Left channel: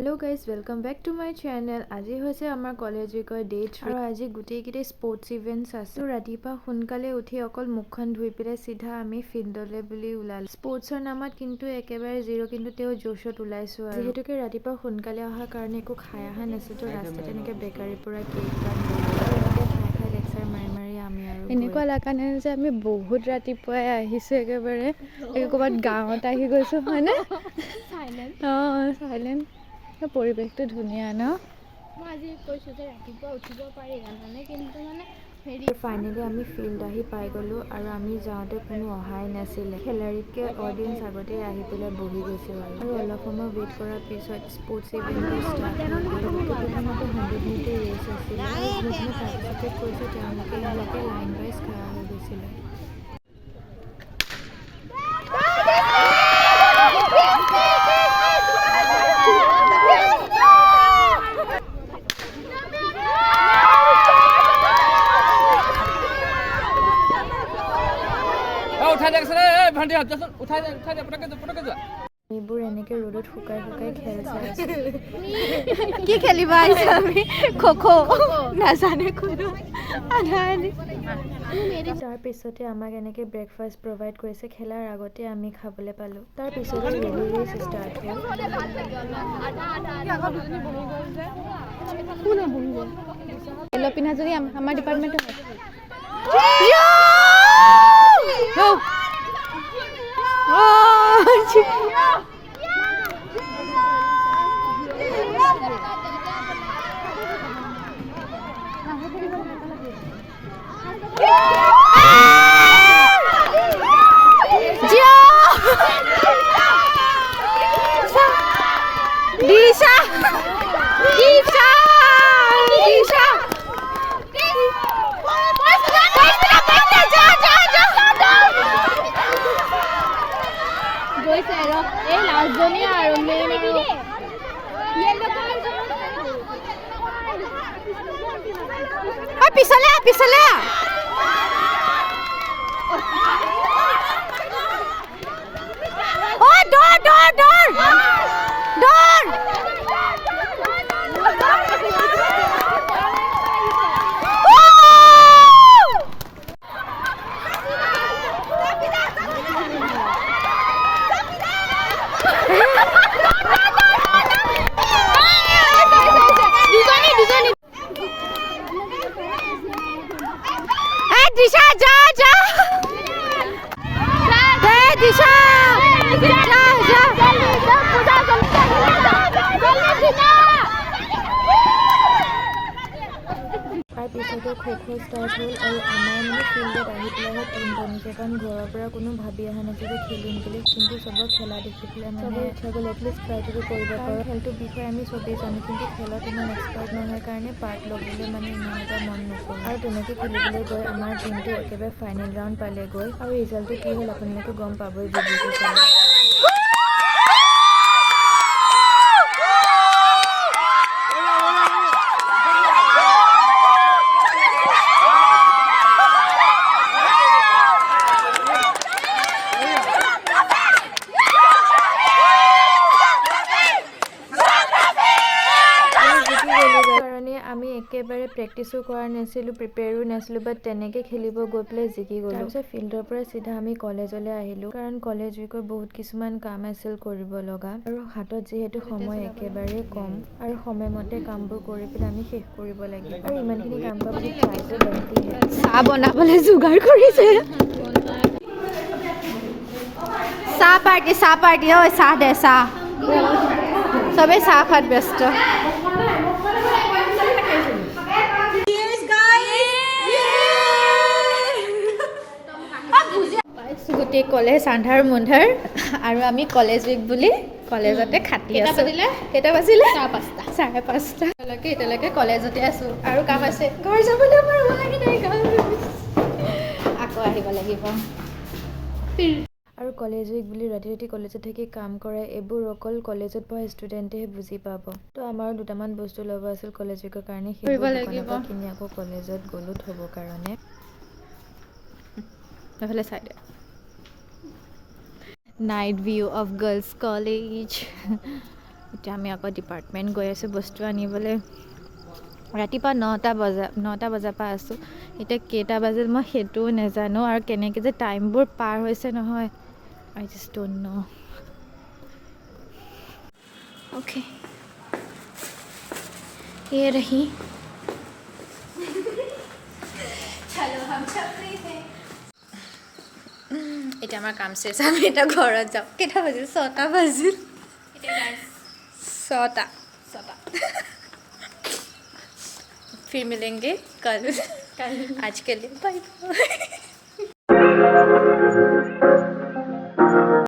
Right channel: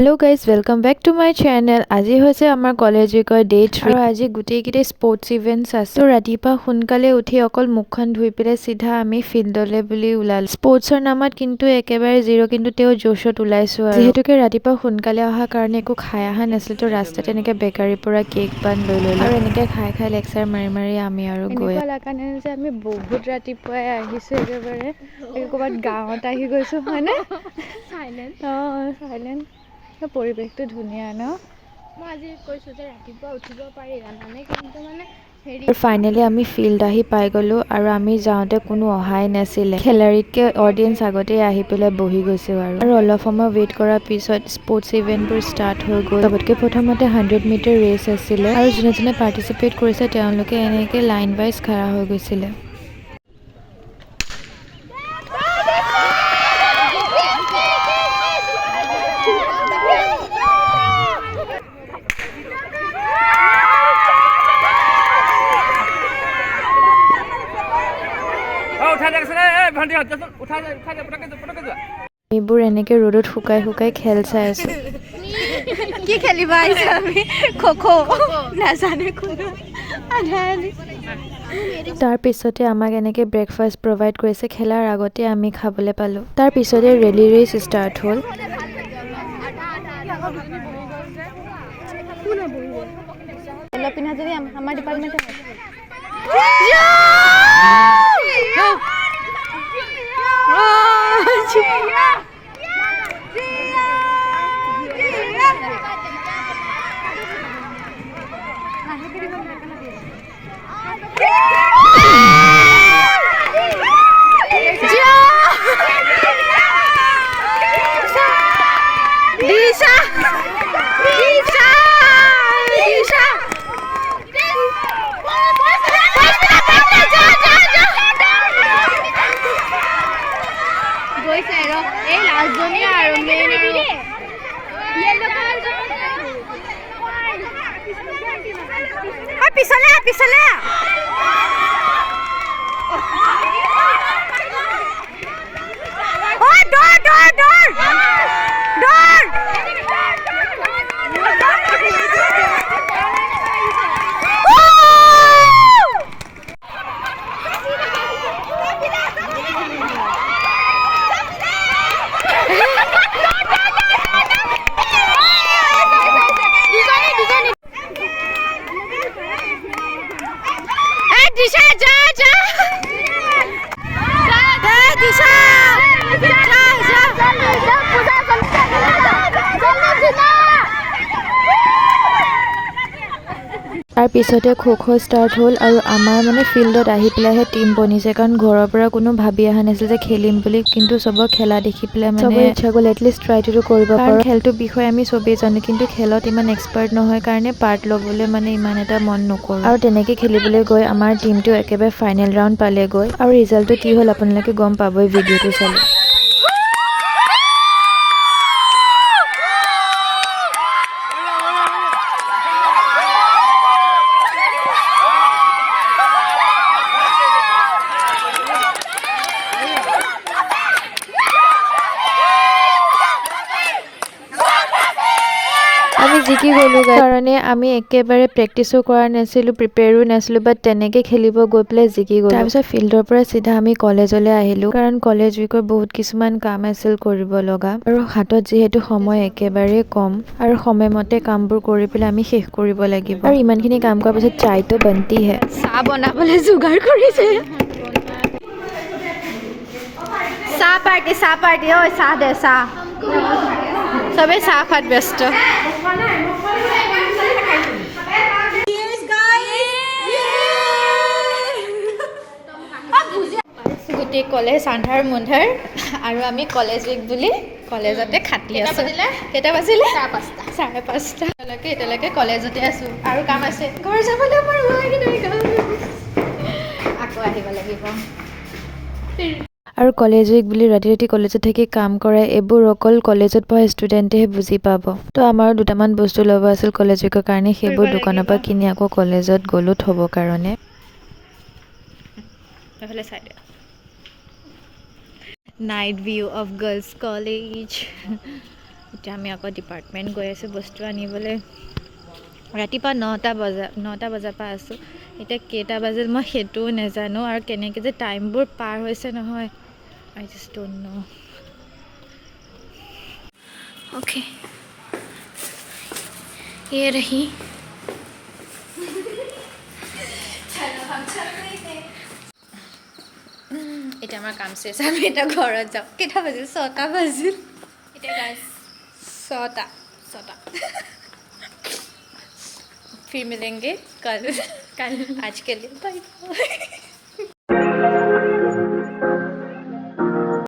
Hello guys welcome back to my channel. আজি হৈছে আমাৰ কলেজ উইকৰ ডে 3 আৰু আজি গোটেইকেইটা স্পৰ্টছ ইভেন্টছ আছে। তো ৰাতিপুৱা সোনকালে উঠি অকল মুখখন ধুই পেলাই চিধা আমি ফিল্ডলৈ বুলি ওলালো। স্পৰ্টছৰ নামত কিন্তু একেবাৰে জিৰ', কিন্তু তেওঁ জোশত ওলাইছো আৰু যিহেতুকে ৰাতিপুৱা সোনকালে অহাৰ কাৰণে একো খাই অহা নাছিল, তো ৰাস্তাত এনেকৈ বেকাৰীৰ পৰা কেক বান লৈ ল'লো আৰু এনেকৈ খাই খাই লেকচাৰ মাৰি মাৰি আমি আৰু এনেকুৱা লগা নাই যে আমি বহুত ৰাতিপুৱাই আহিছো, একেবাৰে ক'ৰবাত গাঁৱত আহি গৈছো হয়নে? সাইলেন্ট সাইলেন্ট পৰিৱেশটো ধুনীয়া ন। মই আজি কৈছোঁ যে ৰাতিপুৱা উঠিব পাৰি জানানে, কিন্তু মানে ফাইনেলি আমি ফিল্ড আহি পাই গ'লো আৰু আমি যাওঁতে কোনো অহাই নাছিলে। খেলাৰীতকৈ অডিয়েঞ্চ আগতেই আহি পেলাই বহি গৈছে আৰু অলপ সময় ৱেইট কৰাৰ পিছত স্পৰ্টছ ইভেণ্টবোৰ ষ্টাৰ্ট হৈ গ'ল। চবতকৈ প্ৰথমতে 100 মিটাৰ ৰেচ আছিলে আৰু যোনে যোনে পাৰ্টিচিপেট কৰিছে তেওঁলোকে এনেকৈ লাইন ৱাইজ খাৰা হৈ গৈছিলে। এইবোৰ এনেকে ৰ'দত শুকাই শুকাই খেল চাই আছো। কি খেলিব আহিছে? আমি খো নাজানে কোনো। তাৰ পিছতে আমাক এনেকে ব্ৰেকফাষ্ট প্ৰভাইড কৰিছে। খেলাৰ আগতে আমি খাবলৈ পালোঁ। তাৰ পিছতে ৰেলী ৰেচ ষ্টাৰ্ট হ'ল। পিনা যদি আমাৰ ডিপাৰ্টমেণ্টৰ গৈছে আৰু এই লাষ্টজনী আৰু মেইন আৰু পিছলে পিছলে দৌৰ দৌৰ দৌৰ দৌৰ दिशा जा जा दिशा जा जा তাৰ পিছতে খো ষ্টাৰ্ট হ'ল আৰু আমাৰ মানে ফিল্ডত আহি পেলাইহে টিম বনিছে, কাৰণ ঘৰৰ পৰা কোনো ভাবি অহা নাছিল যে খেলিম বুলি। কিন্তু চবৰ খেলা দেখি পেলাই মানে ইচ্ছা গ'ল এটলিষ্ট ট্ৰাইটো কৰিব পাৰোঁ। খেলটোৰ বিষয়ে আমি চবেই জানো, কিন্তু খেলত ইমান এক্সপাৰ্ট নহয় কাৰণে পাৰ্ট ল'বলৈ মানে ইমান এটা মন নকৰোঁ। আৰু তেনেকৈ খেলিবলৈ গৈ আমাৰ টিমটো একেবাৰে ফাইনেল ৰাউণ্ড পালেগৈ আৰু ৰিজাল্টটো কি হ'ল আপোনালোকে গম পাবই ভিডিঅ'টো চালে। জিকি গ'লোঁ কাৰণে আমি একেবাৰে প্ৰেক্টিছো কৰা নাছিলোঁ, প্ৰিপেয়াৰো নাছিলোঁ, বাট তেনেকৈ খেলিব গৈ পেলাই জিকি গ'লোঁ। তাৰপিছত ফিল্ডৰ পৰা চিধা আমি কলেজলৈ আহিলোঁ, কাৰণ কলেজ উইকৰ বহুত কিছুমান কাম আছিল কৰিব লগা আৰু হাতত যিহেতু সময় একেবাৰে কম আৰু সময়মতে কামবোৰ কৰি পেলাই আমি শেষ কৰিব লাগিব। আৰু ইমানখিনি কাম কৰাৰ পিছত চায়টো বনতিহে। চাহ বনাবলৈ যোগাৰ কৰিছে। চাহ পাৰ্টি ঐ চাহ দে চাহ। চবেই চাহ খোৱাত ব্যস্ত। গোটেই কলেজ আন্ধাৰ মুন্ধাৰ আৰু আমি কলেজ উইক বুলি কলেজতে খাটি আছো। কেইটা বাজিলে? 5:30। এতিয়ালৈকে কলেজতে আছো আৰু কাম আছে। ঘৰ যাবলৈ আমাৰ হোৱাগৈ নাই, আকৌ আহিব লাগিব। আৰু কলেজ উইক বুলি ৰাতি ৰাতি কলেজত থাকি কাম কৰে, এইবোৰ অকল কলেজত পঢ়া ষ্টুডেণ্টেহে বুজি পাব। তো আমাৰো দুটামান বস্তু ল'ব আছিল কলেজ উইকৰ কাৰণে, সেইবোৰ দোকানৰ পৰা কিনি আকৌ কলেজত গ'লোঁ থ'বৰ কাৰণে। Night view of girls college. এতিয়া আমি আকৌ ডিপাৰ্টমেণ্ট গৈ আছোঁ বস্তু আনিবলৈ। ৰাতিপুৱা 9টা বজাৰ পৰা আছোঁ, এতিয়া কেইটা বাজিল মই সেইটোও নাজানো, আৰু কেনেকৈ যে টাইমবোৰ পাৰ হৈছে নহয়, আই জাষ্ট ডোন্ট নো। অ'কে, ये रही। এতিয়া আমাৰ কাম চেচ, আমি এতিয়া ঘৰত যাওঁ। কেইটা বাজিল? 6টা বাজিল। এতিয়া গাইছ 6টা। फिर मिलेंगे कल। কালি आज के लिए बाय बाय।